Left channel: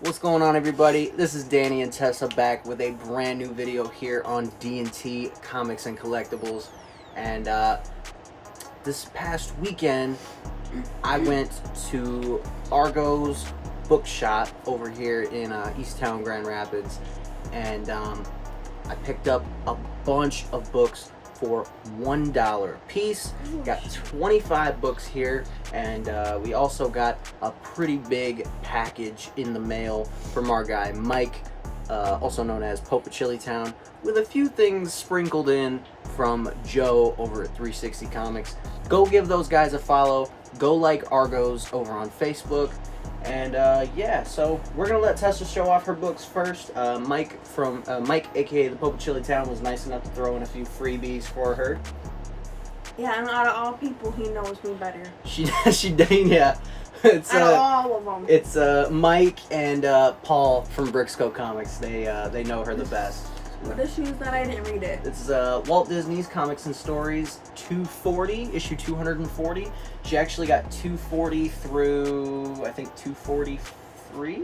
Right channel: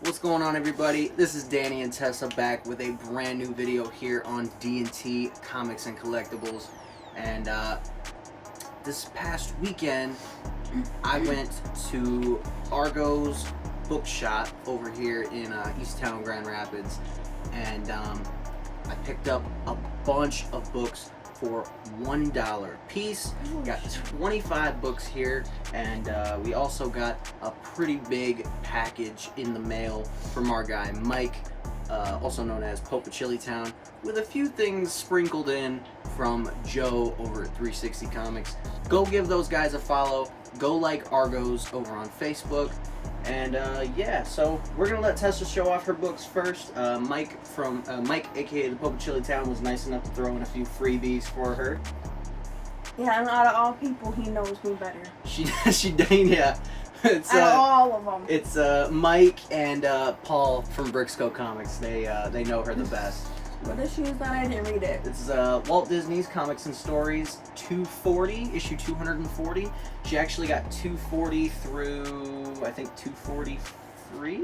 What's going on, everybody? This is Danny and Tessa back with a brand new video here on D&T Comics and Collectibles. And this past weekend, I went to Argos Book Shop over here in Easttown, Grand Rapids, and I picked up a bunch of books for $1 a piece. Got 25 books here, and we also got a pretty big package in the mail from our guy Mike, also known as Pope of Chili Town, with a few things sprinkled in from Joe over at 360 Comics. Go give those guys a follow. Go like Argos over on Facebook. And yeah, so we're gonna let Tessa show off her books first. Mike, aka the Pope of Chili Town, was nice enough to throw in a few freebies for her. Yeah, and out of all people, he knows me better. She dang, yeah. It's out of all of them. It's Mike and Paul from Brixco Comics. They know her the best. What issues that I didn't read it? It's Walt Disney's Comics and Stories 240, issue 240. She actually got 240 through, I think, 243?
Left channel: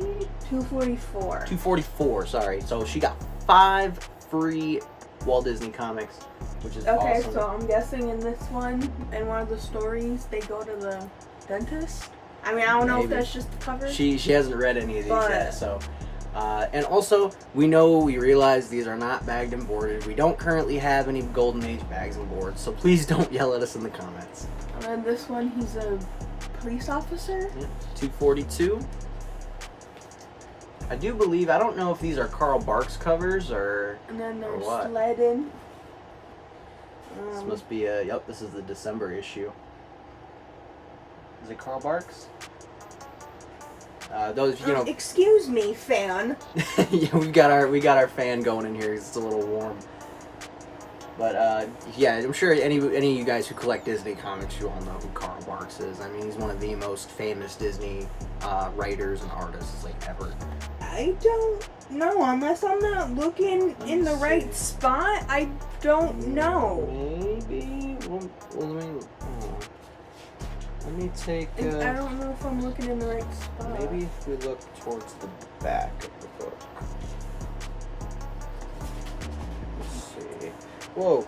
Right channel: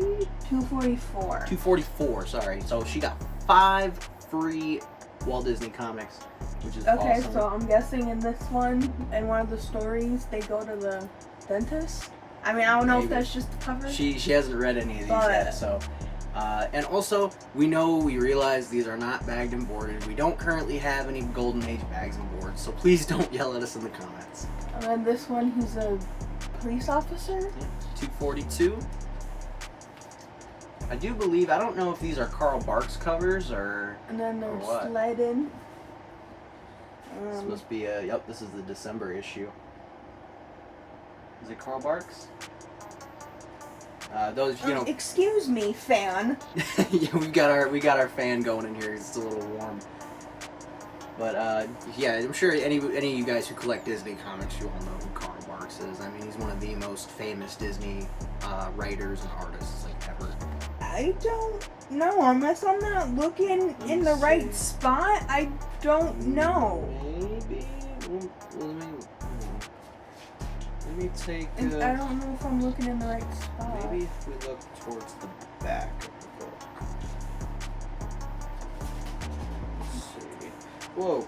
244. 244, sorry. So she got 5 free Walt Disney comics, which is okay, awesome. so I'm guessing in this one, in one of the stories, they go to the dentist? I mean, I don't know if that's just the cover. She hasn't read any of these yet, so... and also, we realize these are not bagged and boarded. We don't currently have any Golden Age bags and boards, so please don't yell at us in the comments. And then this one, he's a police officer? Yeah, 242. I do believe, I don't know if these are Carl Barks covers or... And then there's what. Sleddon. This must be yep, this is the December issue. Is it Carl Barks? Those, you know. Excuse me, fan. Yeah, we got our fan going in here. It's a little warm. But yeah, I'm sure any of you guys who collect Disney comics, you all know who Carl Barks is. I mean, he's one of the most famous Disney writers and artists like ever. I don't know, unless I'm not looking in the right spot. I don't know. Maybe. Let me take. I don't know if I'm looking in the right spot. Maybe if we look towards the back of the book. Let's see. Whoa.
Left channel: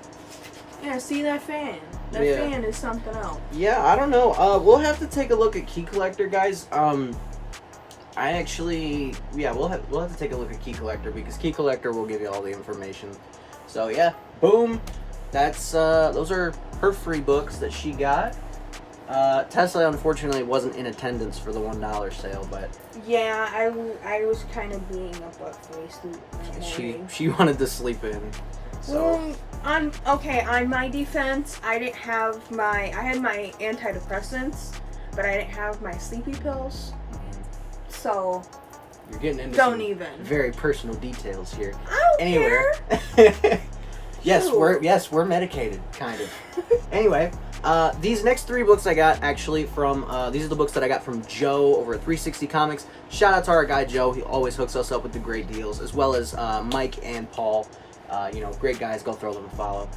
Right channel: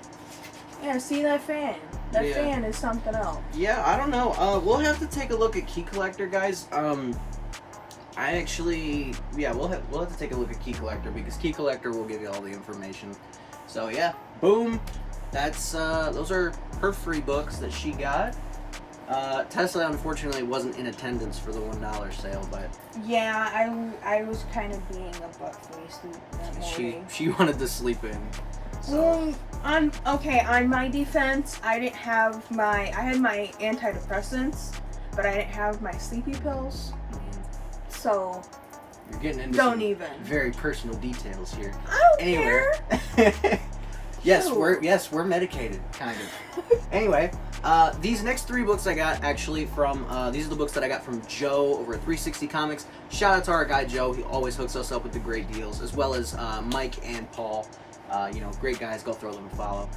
Yeah, see that fan? That fan is something else. Yeah, I don't know. We'll have to take a look at Key Collector, guys. I actually, yeah, we'll have to take a look at Key Collector, because Key Collector will give you all the information. So yeah, boom. That's those are her free books that she got. Tesla unfortunately wasn't in attendance for the $1 sale, but yeah, I was kind of being a butt-faced that morning. She wanted to sleep in. So. On my defense, I had my antidepressants, but I didn't have my sleepy pills. So you're getting into some even very personal details here. I don't care. Yes, we're medicated, kind of. Anyway, these next 3 books I got actually from, these are the books that I got from Joe over at 360 Comics. Shout out to our guy Joe, he always hooks us up with the great deals, as well as Mike and Paul. You know, great guys, go throw them a follow.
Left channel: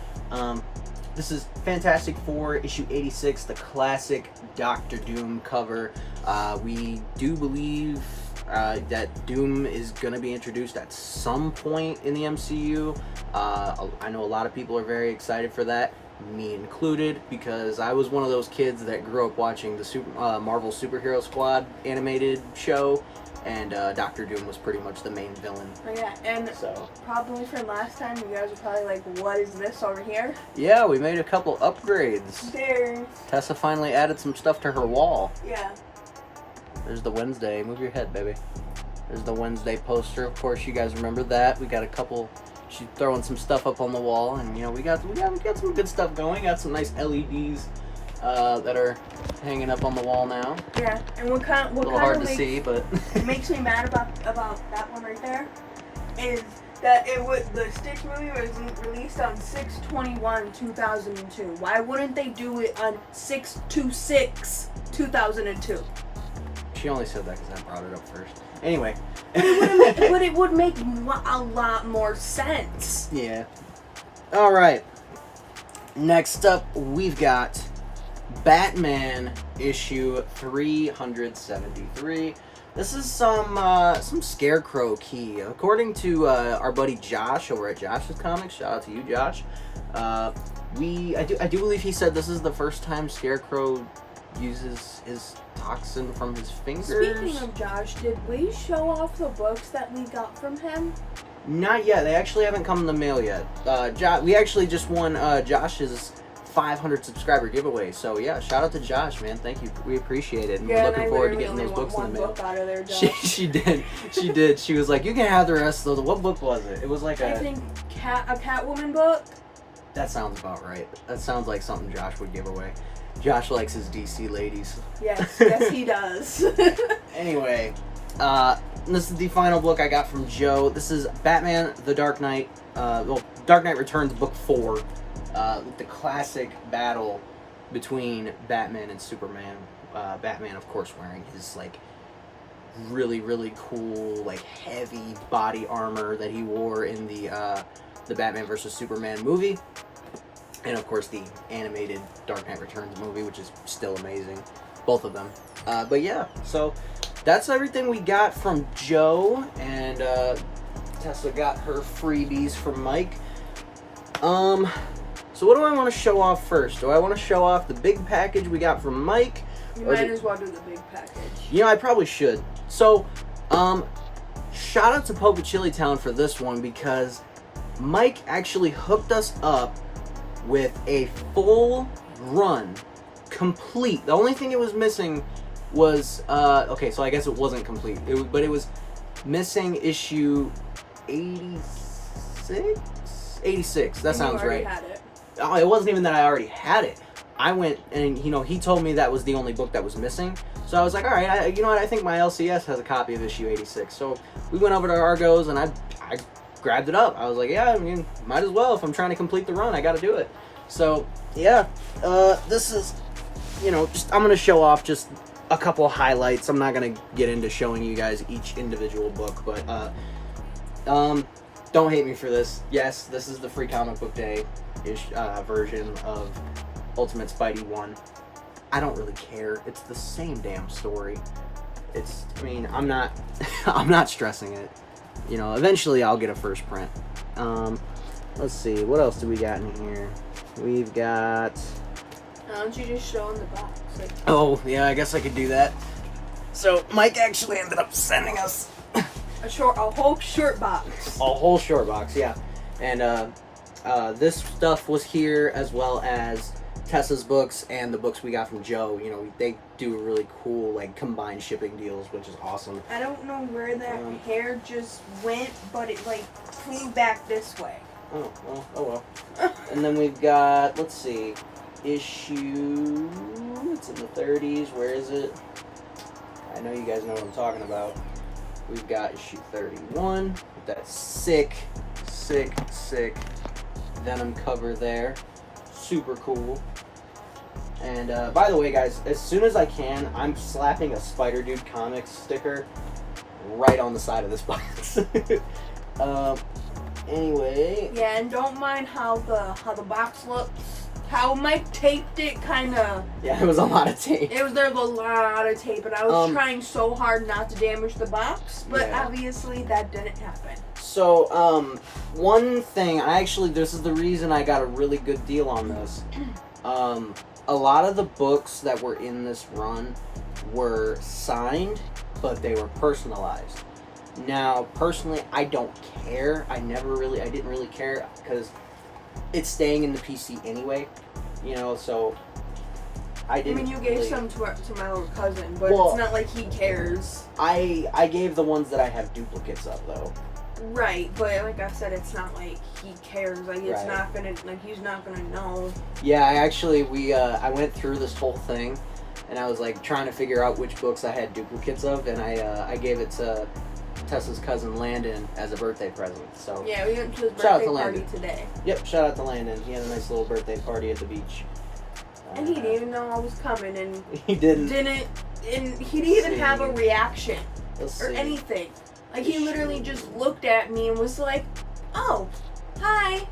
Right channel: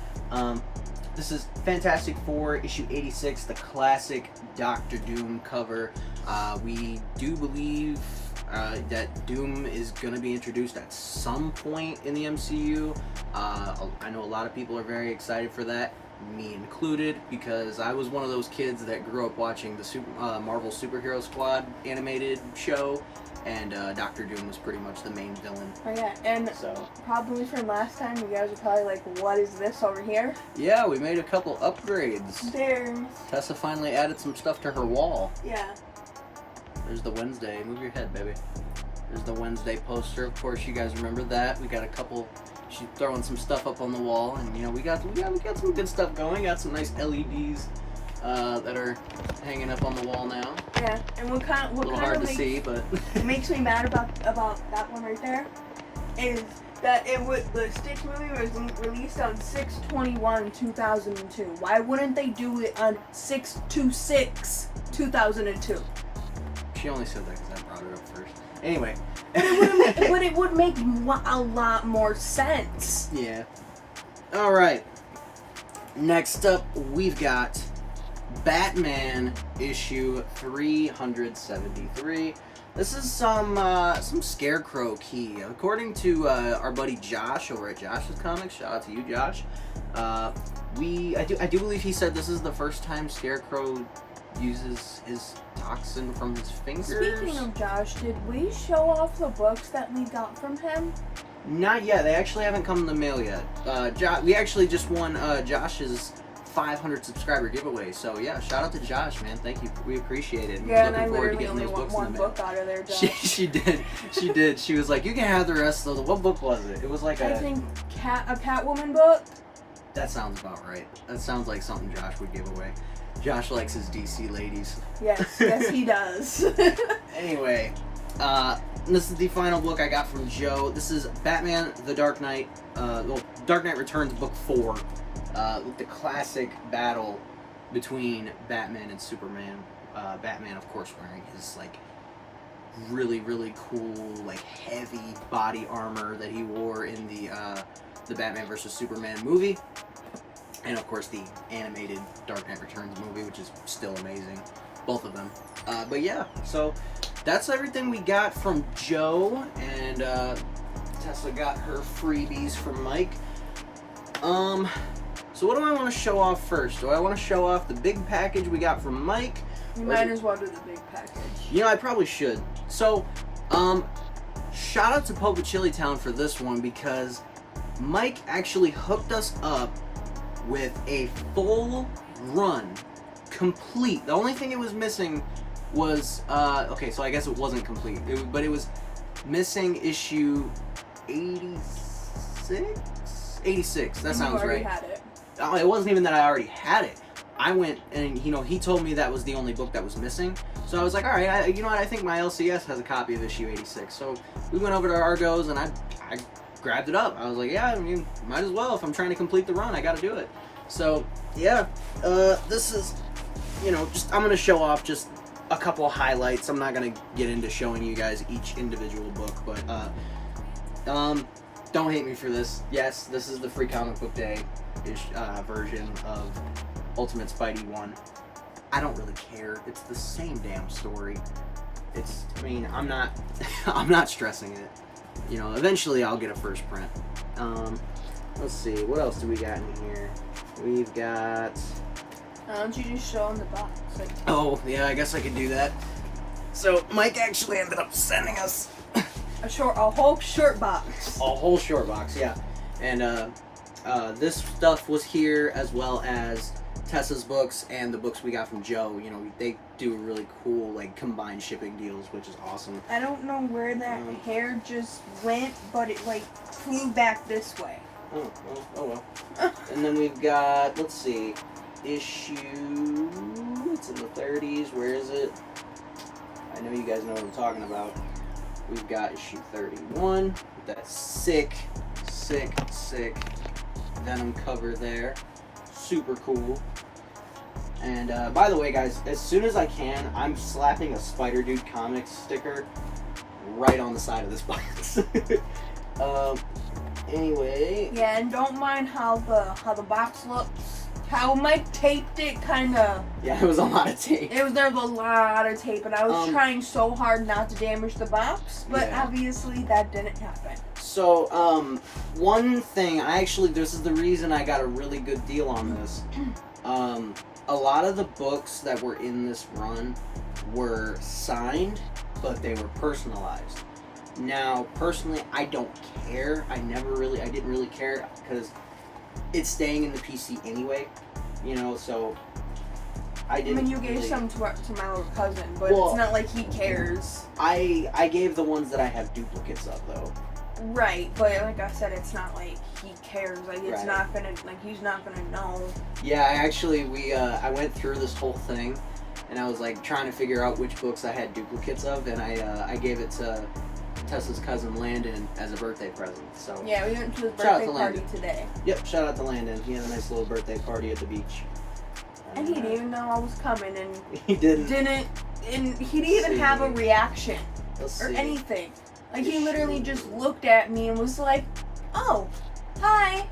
This is Fantastic Four, issue 86, the classic Doctor Doom cover. We do believe that Doom is going to be introduced at some point in the MCU. I know a lot of people are very excited for that, me included, because I was one of those kids that grew up watching the Marvel Superhero Squad animated show, and Doctor Doom was pretty much the main villain. Oh yeah, and so probably from last time, you guys are probably like, what is this over here? Yeah, we made a couple upgrades. There's... Tessa finally added some stuff to her wall. Yeah. There's the Wednesday. Move your head, baby. There's the Wednesday poster. Of course, you guys remember that. We got a couple. She's throwing some stuff up on the wall, and you know we got some good stuff going. Got some nice LEDs that are hanging up on the wall now. Yeah, and what a little hard to see, but makes me mad about that one right there is that the Stitch movie was released on 6/21/2002. Why wouldn't they do it on 6/26/2002? She only said that because I brought it up first. Anyway. But it would make a lot more sense. Yeah. Alright. Next up, we've got Batman issue 373. This is some Scarecrow key. According to our buddy Josh over at Josh's Comics, shout out to you, Josh. I do believe he said this is the first time Scarecrow uses his toxin from his fingers. Speaking of Josh, did we show off the books that we got from him? Not yet. They actually haven't come in the mail yet. We actually just won Josh's 500 subscriber giveaway. So yeah, shout out to Josh, man. Thank you. We appreciate it. Yeah, and I literally only want one book out of there, Josh. She did. She did. She was like, you can have the rest of the. What book was it? It was like I think a Catwoman book. That sounds about right. That sounds like something Josh would give away. Josh likes his DC ladies. Yes, yes he does. Anyway, this is the final book I got from Joe. This is Batman: The Dark Knight. Dark Knight Returns, book 4. With the classic battle between Batman and Superman. Batman, of course, wearing his like really, really cool, like heavy body armor that he wore in the Batman vs Superman movie, and of course the animated Dark Knight Returns movie, which is still amazing, both of them. But yeah, so that's everything we got from Joe, and Tessa got her freebies from Mike. So what do I want to show off first? Do I want to show off the big package we got from Mike? You might as well do the big package. Yeah, I probably should. So, shout out to Pope of Chili Town for this one, because Mike actually hooked us up with a full run, complete. The only thing it was missing was, okay, so I guess it wasn't complete, but it was missing issue 86? 86, that sounds right. You already had it. Oh, it wasn't even that I already had it. I went and, he told me that was the only book that was missing. So I was like, all right, you know what? I think my LCS has a copy of issue 86. So we went over to Argos and I grabbed it up. I was like, yeah, I mean, might as well. If I'm trying to complete the run, I got to do it. So yeah, this is, I'm going to show off just a couple of highlights. I'm not going to get into showing you guys each individual book, but don't hate me for this. Yes, this is the Free Comic Book Day version of Ultimate Spidey 1. I don't really care. It's the same damn story. I'm not stressing it. Eventually I'll get a first print. Let's see, what else do we got in here? We've got... Why don't you just show them the box? Oh, yeah, I guess I could do that. So, Mike actually ended up sending us... a whole short box. A whole short box, yeah. And, this stuff was here, as well as Tessa's books and the books we got from Joe. They do really cool, like, combined shipping deals, which is awesome. I don't know where that hair just went, but it, like, flew back this way. Oh well. And then we've got, let's see, issue, it's in the 30s, where is it? I know you guys know what I'm talking about. We've got issue 31, with that sick Venom cover there. Super cool. And by the way, guys, as soon as I can, I'm slapping a Spider Dude Comics sticker right on the side of this box. Anyway. Yeah, and don't mind how the box looks. How Mike taped it, kind of. Yeah, it was a lot of tape. There was a lot of tape, and I was trying so hard not to damage the box, but obviously that didn't happen. So, one thing, this is the reason I got a really good deal on this. A lot of the books that were in this run were signed, but they were personalized. Now, personally, I don't care. I didn't really care, because it's staying in the PC anyway, so I didn't. I mean, you gave some to my little cousin, but it's not like he cares. I gave the ones that I have duplicates of, though. Right, but like I said, it's not like he cares. Like, it's not gonna, like, he's not gonna know. Yeah, I went through this whole thing, and I was, like, trying to figure out which books I had duplicates of, and I gave it to Tessa's cousin Landon as a birthday present. So yeah, we went to his birthday party today. Yep, shout out to Landon. He had a nice little birthday party at the beach. And he didn't even know I was coming, and he didn't. And he didn't even have a reaction or anything. Like, he literally just looked at me and was like, "Oh, hi."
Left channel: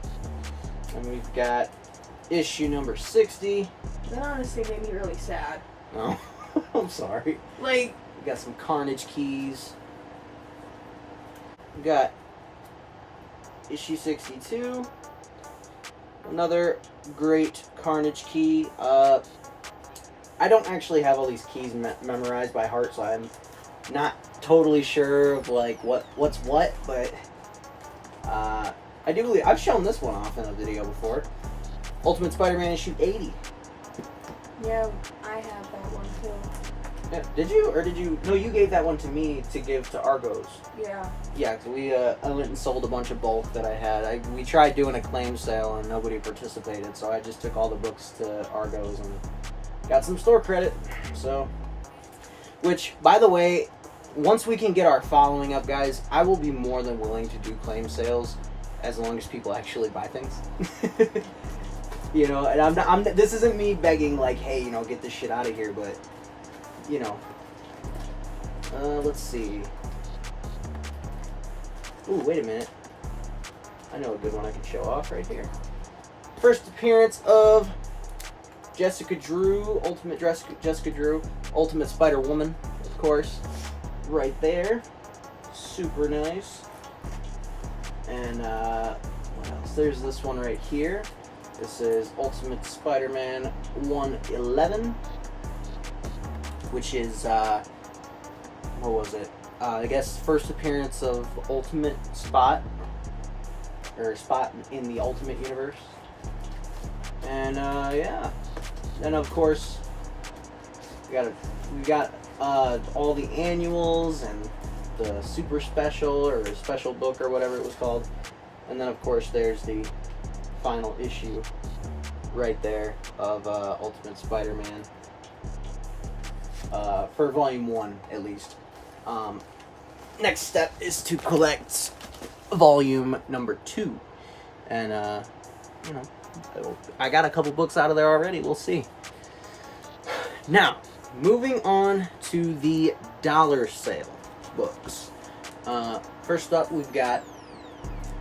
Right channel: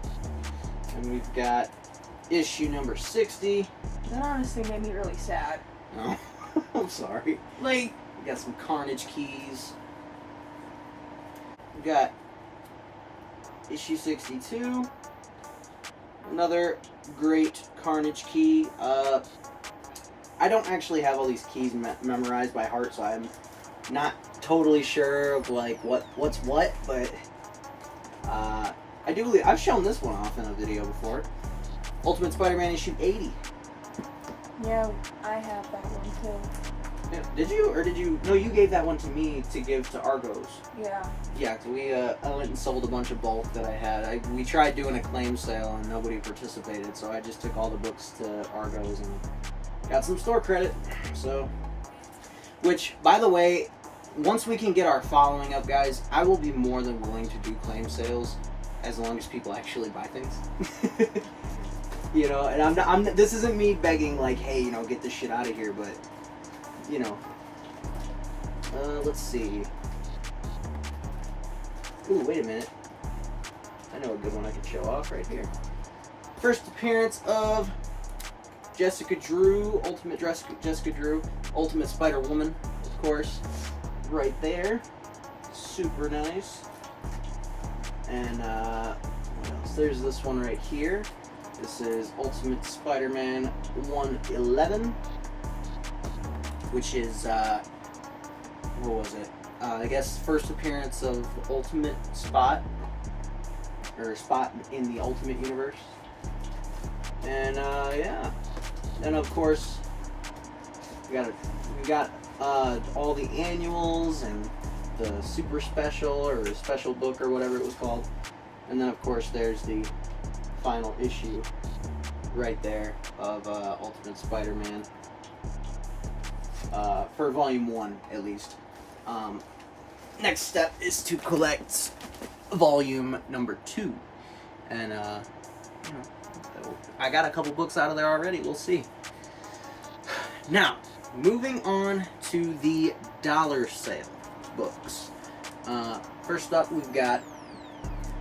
And we've got issue number 60, That honestly made me really sad. Oh, I'm sorry. Like, We got some Carnage keys. We got issue 62. Another great Carnage key. I don't actually have all these keys memorized by heart, so I'm not totally sure of like what's what, but I do believe I've shown this one off in a video before. Ultimate Spider-Man issue 80. yeah, I have that one too. Yeah, did you, or did you? No, you gave that one to me to give to Argos. Yeah. Yeah, because I went and sold a bunch of bulk that I had. We tried doing a claim sale and nobody participated, so I just took all the books to Argos and got some store credit. So, which, by the way, once we can get our following up, guys, I will be more than willing to do claim sales as long as people actually buy things. You know, and this isn't me begging like, hey, you know, get this shit out of here, but you know, let's see. Ooh, wait a minute. I know a good one I can show off right here. First appearance of Jessica Drew, Jessica Drew, Ultimate Spider-Woman, of course, right there. Super nice. And what else? There's this one right here. This is Ultimate Spider-Man 111, which is what was it? I guess first appearance of Ultimate Spot, or Spot in the Ultimate Universe. And yeah, and of course we got all the annuals and the super special or special book or whatever it was called, and then of course there's the final issue right there of Ultimate Spider-Man for volume 1 at least. Next step is to collect volume number 2, and you know, I got a couple books out of there already. We'll see. Now, moving on to the dollar sale books. First up, we've got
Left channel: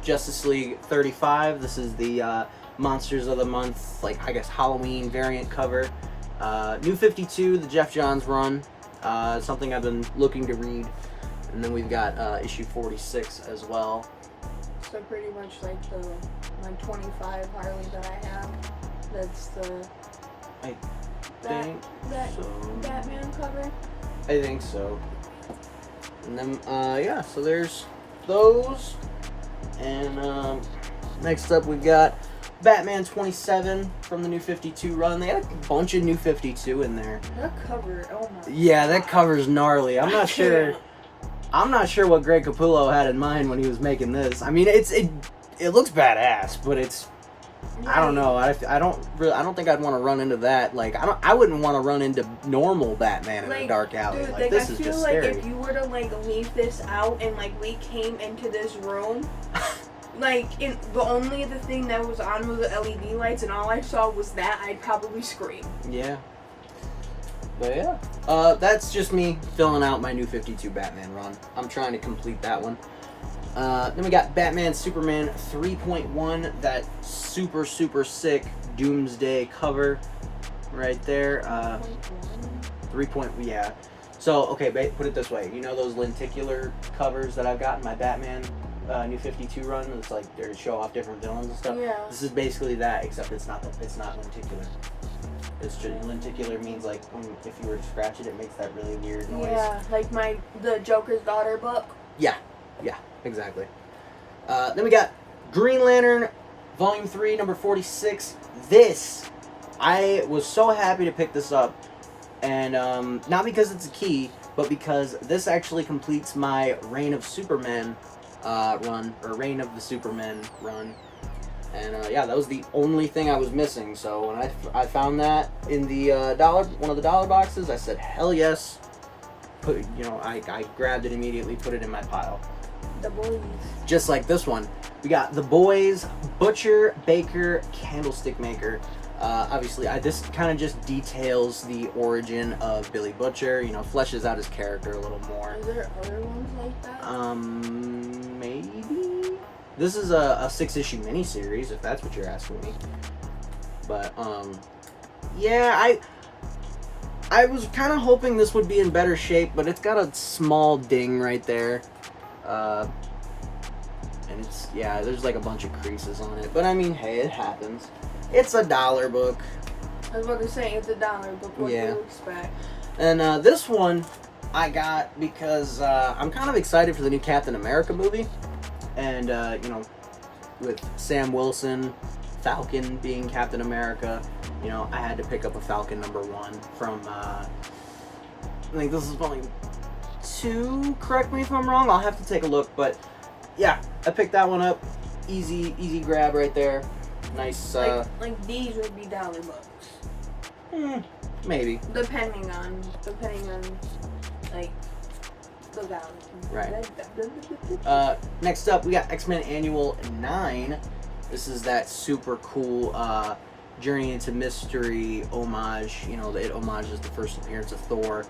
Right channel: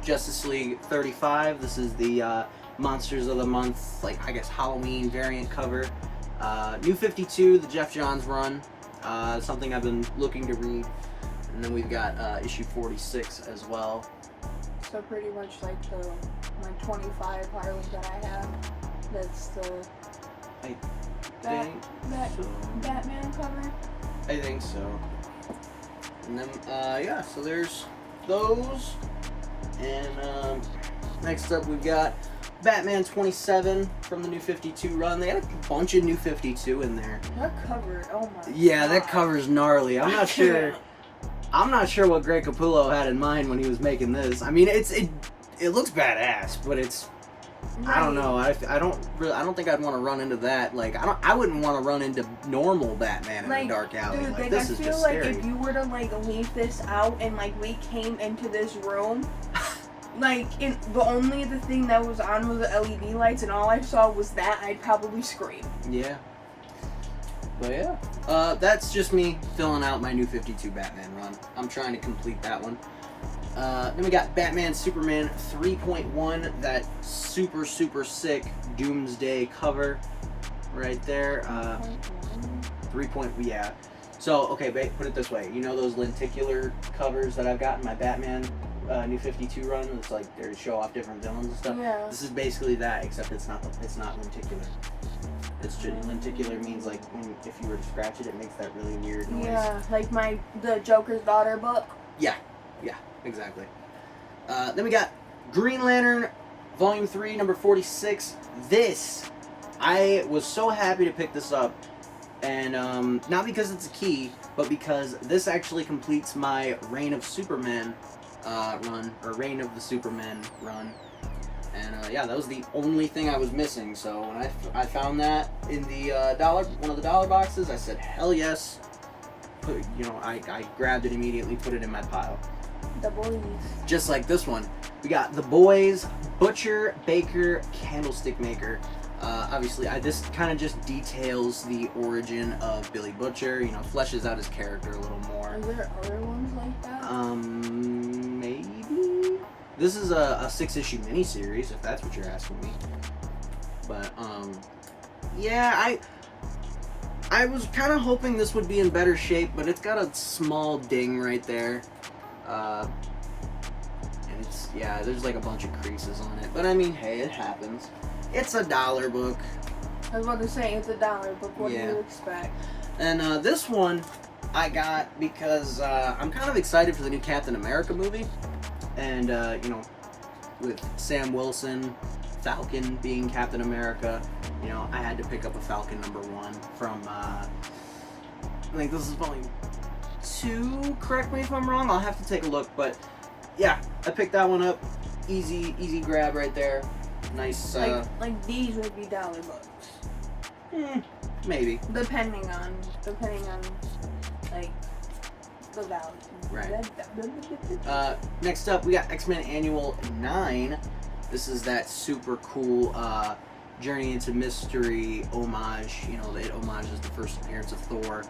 Justice League 35. This is the Monsters of the Month, like I guess Halloween variant cover. New 52, the Jeff Johns run. Something I've been looking to read. And then we've got issue 46 as well. So pretty much like my 25 Harley that I have. That's the Batman cover. I think so. And then yeah, so there's those. And next up we've got Batman 27 from the New 52 run. They had a bunch of New 52 in there. That cover, oh my Yeah, God. That cover's gnarly. I'm not sure what Greg Capullo had in mind when he was making this. I mean, it looks badass, but it's right. I don't know. I don't think I'd want to run into that. Like I wouldn't want to run into normal Batman in a dark alley. Dude, like, this I is feel just like scary. if you were to like leave this out and like we came into this room, like the thing that was on was the LED lights and all I saw was that, I'd probably scream. Yeah. But yeah, that's just me filling out my New 52 Batman run. I'm trying to complete that one. Then we got Batman Superman 3.1, that super sick Doomsday cover right there. 3. Yeah. So, okay, put it this way. You know those lenticular covers that I've got in my Batman New 52 run? It's like they show off different villains and stuff. Yeah. This is basically that, except it's not lenticular. It's just lenticular means like if you were to scratch it, it makes that really weird noise. Yeah, like the Joker's Daughter book. Yeah, exactly. Then we got Green Lantern, Volume 3, number 46. This, I was so happy to pick this up, and not because it's a key, but because this actually completes my Reign of Superman run, or Reign of the Superman run. And yeah, that was the only thing I was missing. So when I found that in the one of the dollar boxes, I said, hell yes. I grabbed it immediately, put it in my pile. The Boys. Just like this one. We got The Boys, Butcher, Baker, Candlestick Maker. Obviously, this kind of just details the origin of Billy Butcher, fleshes out his character a little more. Are there other ones like that? Maybe? This is a 6-issue miniseries, if that's what you're asking me. But, Yeah, I was kind of hoping this would be in better shape, but it's got a small ding right there. And it's, yeah, there's like a bunch of creases on it. But I mean, hey, it happens. It's a dollar book. I was about to say, it's a dollar book. What do Yeah. you expect? And this one I got because I'm kind of excited for the new Captain America movie. And, you know, with Sam Wilson, Falcon being Captain America, you know, I had to pick up a Falcon #1 from, I think this is volume 2, correct me if I'm wrong, I'll have to take a look, but yeah, I picked that one up, easy grab right there, nice, like these would be dollar books. Maybe. Depending on, like, the value. Right. Next up, we got X-Men Annual 9. This is that super cool Journey into Mystery homage. You know, it homages the first appearance of Thor,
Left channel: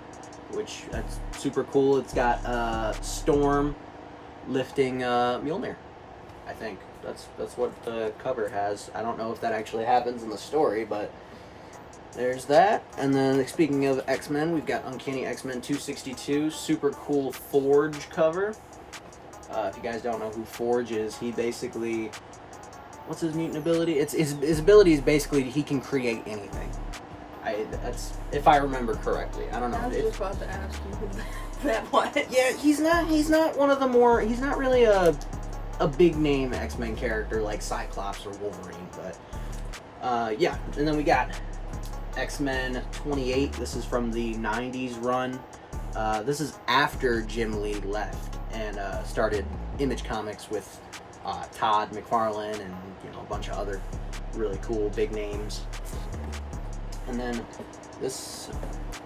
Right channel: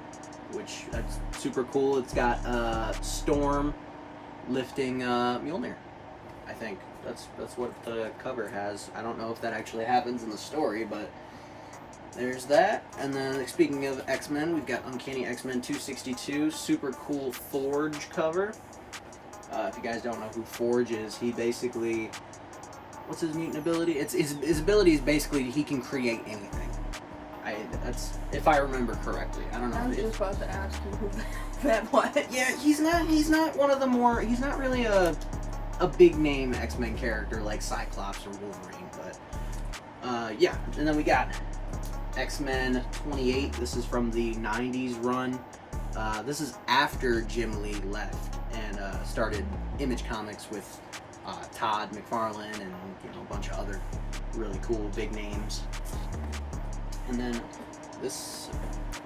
which that's super cool. It's got Storm lifting Mjolnir. I think that's what the cover has. I don't know if that actually happens in the story, but there's that. And then speaking of X-Men, we've got Uncanny X-Men 262, super cool Forge cover. If you guys don't know who Forge is, he basically, what's his mutant ability? It's his ability is basically he can create anything. That's if I remember correctly. I don't know. I was just about to ask you who that was. Yeah, he's not one of the more. He's not really a big name X-Men character like Cyclops or Wolverine, but yeah. And then we got X-Men 28. This is from the 90s run. This is after Jim Lee left and started Image Comics with Todd McFarlane and, you know, a bunch of other really cool big names. And then this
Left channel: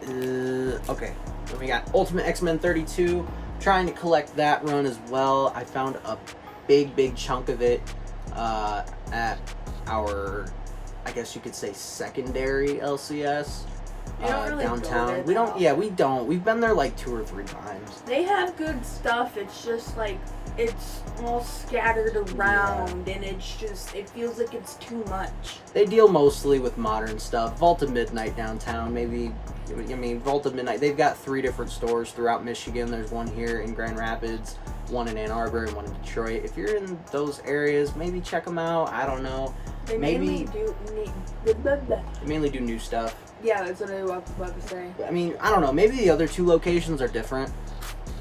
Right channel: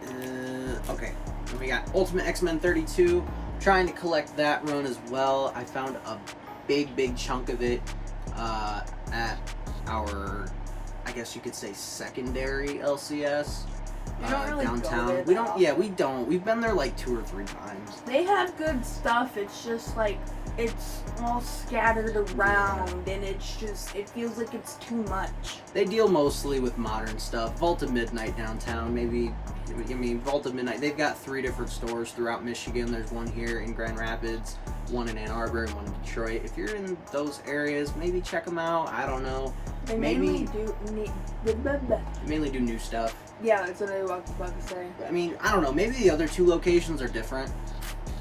is okay. Then we got Ultimate X-Men 32. Trying to collect that run as well. I found a big chunk of it at our, I guess you could say, secondary LCS. We don't really downtown. go there We that don't. Yeah, often. we don't. We've been there like 2 or 3 times. They have good stuff. It's just like it's all scattered around, and it's just it feels like it's too much. They deal mostly with modern stuff. Vault of Midnight downtown, maybe. I mean, Vault of Midnight. They've got 3 different stores throughout Michigan. There's one here in Grand Rapids, one in Ann Arbor, and one in Detroit. If you're in those areas, maybe check them out. I don't know. They Maybe- mainly do. Mainly do new stuff. Yeah, that's what I was about to say. I mean, I don't know. Maybe the other 2 locations are different.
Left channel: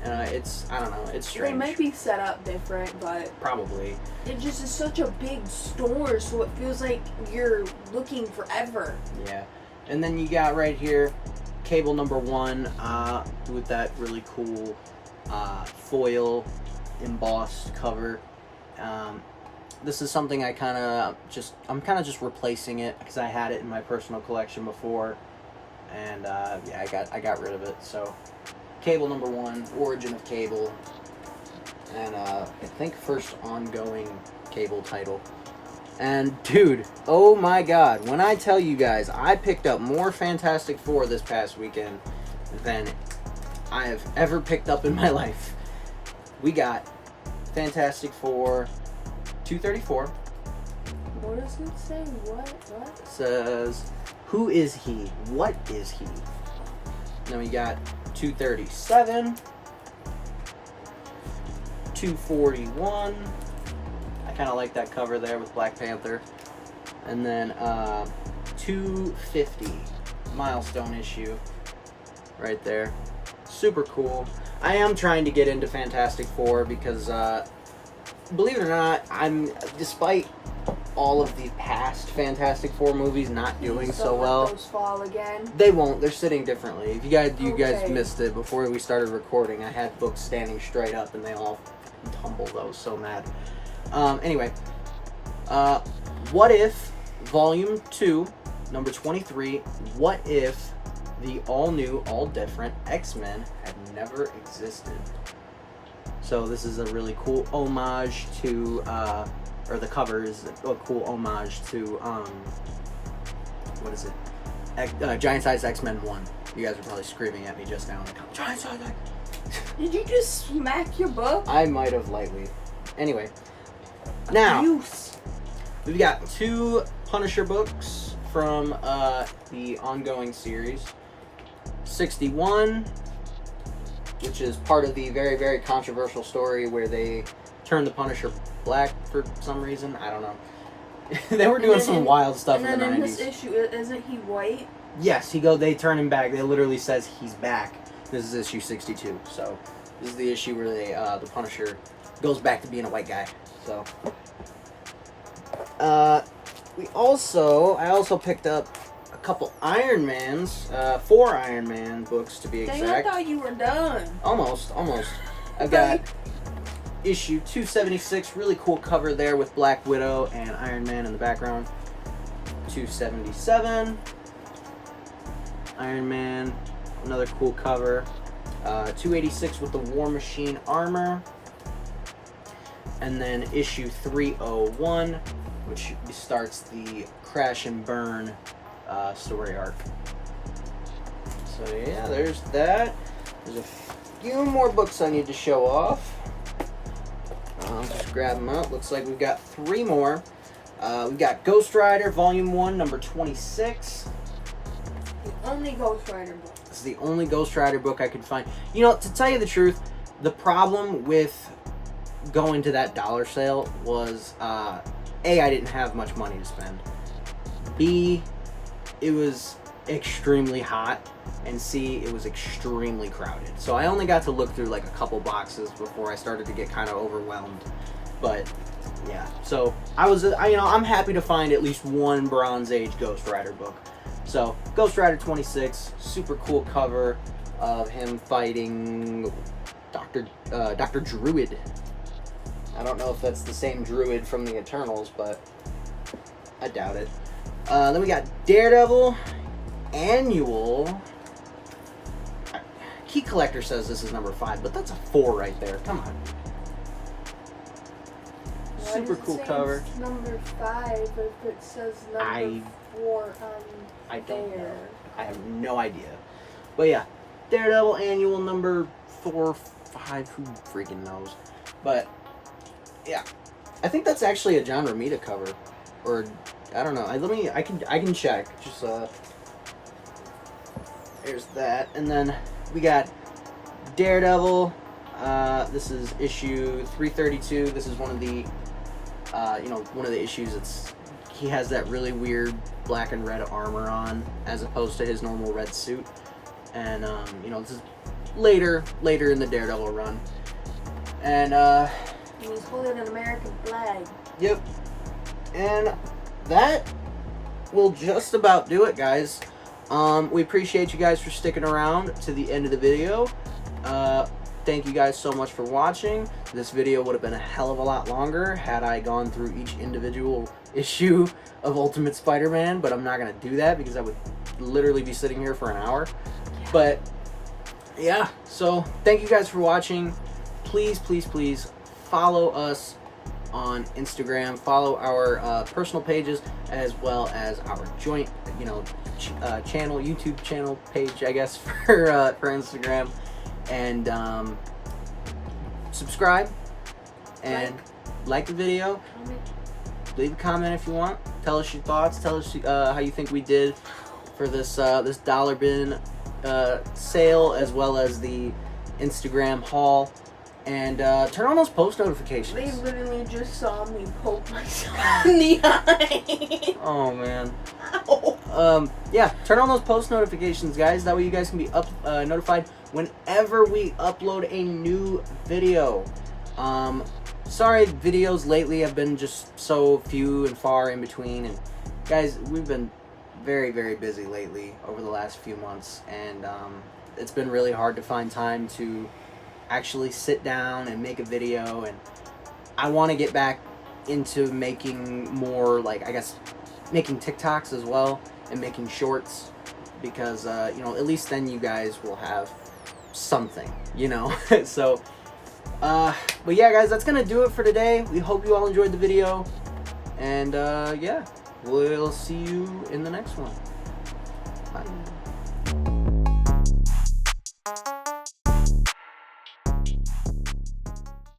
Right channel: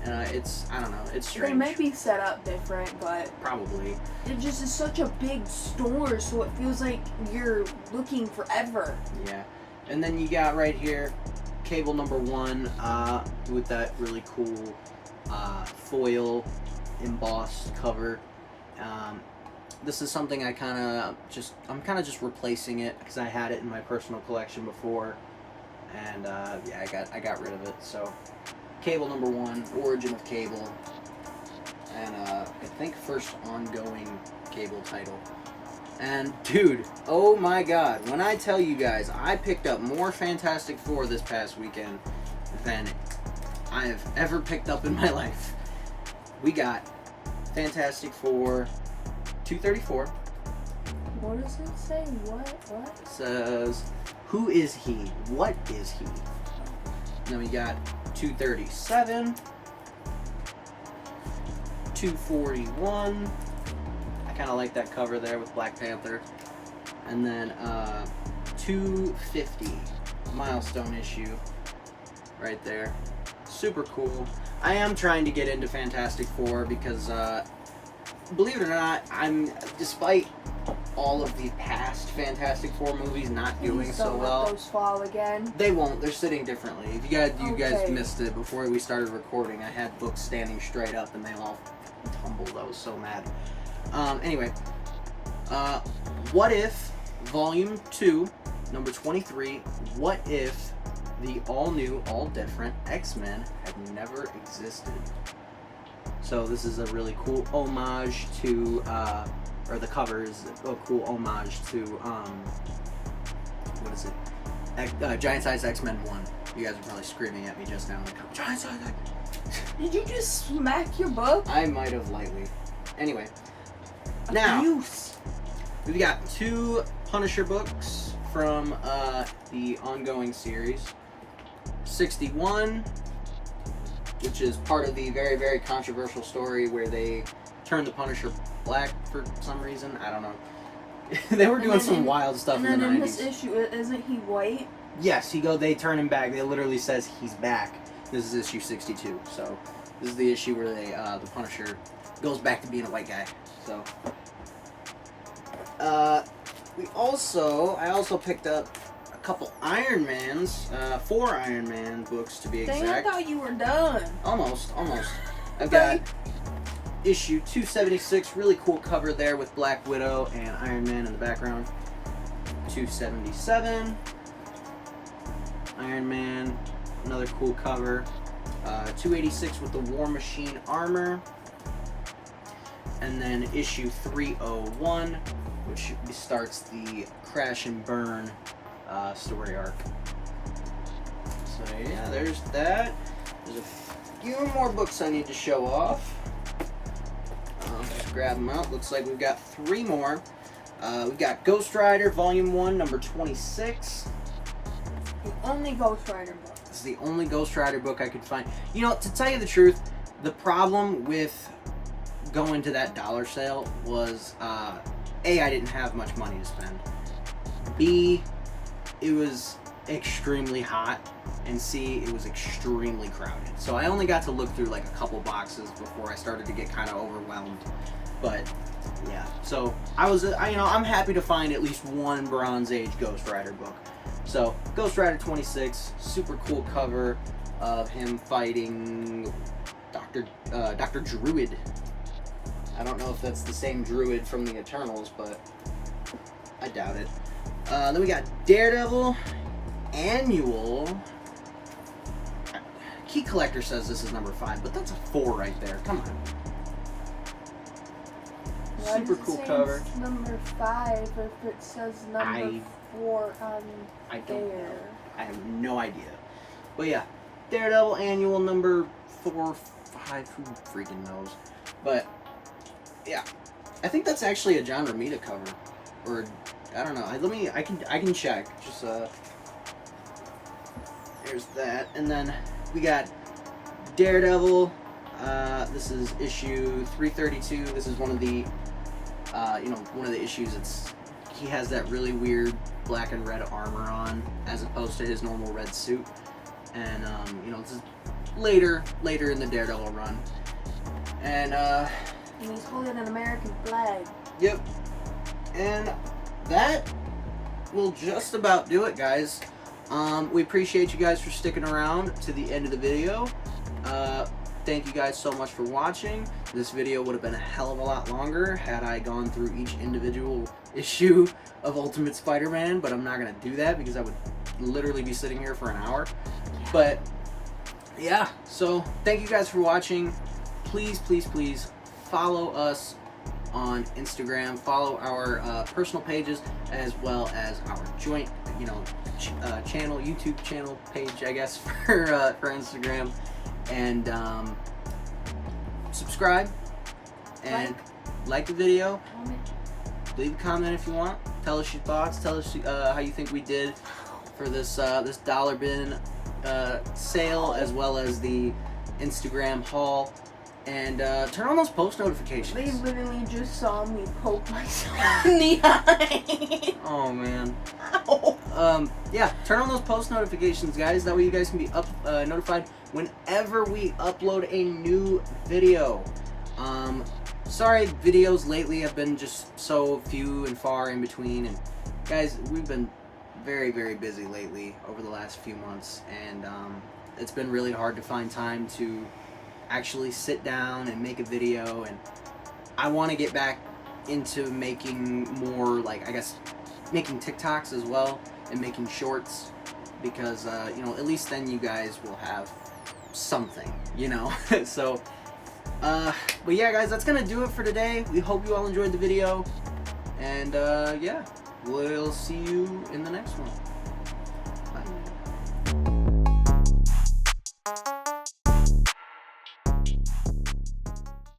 And I don't know. It's strange. They might be set up different, but Probably. it just is such a big store, so it feels like you're looking forever. Yeah. And then you got right here, Cable #1 with that really cool foil embossed cover. This is something I'm kind of just replacing it because I had it in my personal collection before, and yeah, I got rid of it. So Cable #1, Origin of Cable, and I think first ongoing Cable title. And dude, oh my god, when I tell you guys, I picked up more Fantastic Four this past weekend than I've ever picked up in my life. We got Fantastic Four 234. What does it say? What? It says, who is he? What is he? Then we got 237, 241. I kind of like that cover there with Black Panther. And then 250, milestone issue right there. Super cool. I am trying to get into Fantastic Four because, believe it or not, despite all of the past Fantastic Four movies not doing Please so don't let well, those fall again. they won't. They're sitting differently. If you guys Okay. missed it before we started recording, I had books standing straight up and they all tumbled. I was so mad. Anyway, what if Volume 2, number 23, what if the all-new, all-different X-Men had never existed? So this is a really cool homage to, or the cover is a cool homage to, what is it? Giant Size X-Men 1. You guys are probably screaming at me just now. Like, Giant Size X-Men. Did you just smack your book? I might have lightly. Anyway. Now, Abuse. we've got 2 Punisher books from the ongoing series. 61, which is part of the very, very controversial story where they turned the Punisher black for some reason. I don't know. They were doing some wild stuff in the 90s. And then in this issue, isn't he white? Yes, they turn him back. It literally says he's back. This is issue 62. So this is the issue where the Punisher goes back to being a white guy. So I also picked up a couple Iron Mans, 4 Iron Man books to be exact. Dang, I thought you were done. Almost. I got issue 276, really cool cover there with Black Widow and Iron Man in the background. 277, Iron Man, another cool cover. 286 with the War Machine armor. And then issue 301, which starts the Crash and Burn story arc. So yeah, there's that. There's a few more books I need to show off. Just grab them up. Looks like we've got 3 more. We got Ghost Rider Volume 1, number 26. The only Ghost Rider book. This is the only Ghost Rider book I could find. You know, to tell you the truth, the problem with going to that dollar sale was, A, I didn't have much money to spend. B, it was extremely hot. And C, it was extremely crowded. So I only got to look through like a couple boxes before I started to get kind of overwhelmed. But yeah, so I'm happy to find at least one Bronze Age Ghost Rider book. So Ghost Rider 26, super cool cover of him fighting Dr. Druid. I don't know if that's the same Druid from the Eternals, but I doubt it. Then we got Daredevil Annual. Key Collector says this is number 5, but that's a 4 right there. Come on. Why Super does it cool say cover. It's number 5 if it says number 4 on I don't there. know. I have no idea. But yeah, Daredevil Annual number 4, 5, who freaking knows. But yeah, I think that's actually a John Romita cover, or I don't know. I can check. Just there's that, and then we got Daredevil. This is issue 332. This is one of the one of the issues. He has that really weird black and red armor on, as opposed to his normal red suit. And this is later in the Daredevil run. And he's holding an American flag. Yep. And that will just about do it, guys. We appreciate you guys for sticking around to the end of the video. Thank you guys so much for watching. This video would have been a hell of a lot longer had I gone through each individual issue of Ultimate Spider-Man, but I'm not going to do that because I would literally be sitting here for an hour. But yeah, so thank you guys for watching. Please, please, please follow us on Instagram. Follow our personal pages as well as our joint, channel, YouTube channel page, I guess, for Instagram. And subscribe and like the video. Comment. Leave a comment if you want. Tell us your thoughts. Tell us how you think we did for this this dollar bin sale, as well as the Instagram haul. And turn on those post notifications. They literally just saw me poke myself in the eye. Oh man. Ow. Yeah, turn on those post notifications, guys. That way you guys can be notified whenever we upload a new video. Sorry, videos lately have been just so few and far in between. And guys, we've been very, very busy lately over the last few months, and it's been really hard to find time to actually sit down and make a video. And I want to get back into making more, making TikToks as well and making shorts, because at least then you guys will have something, so but yeah, guys, that's gonna do it for today. We hope you all enjoyed the video, and yeah, we'll see you in the next one.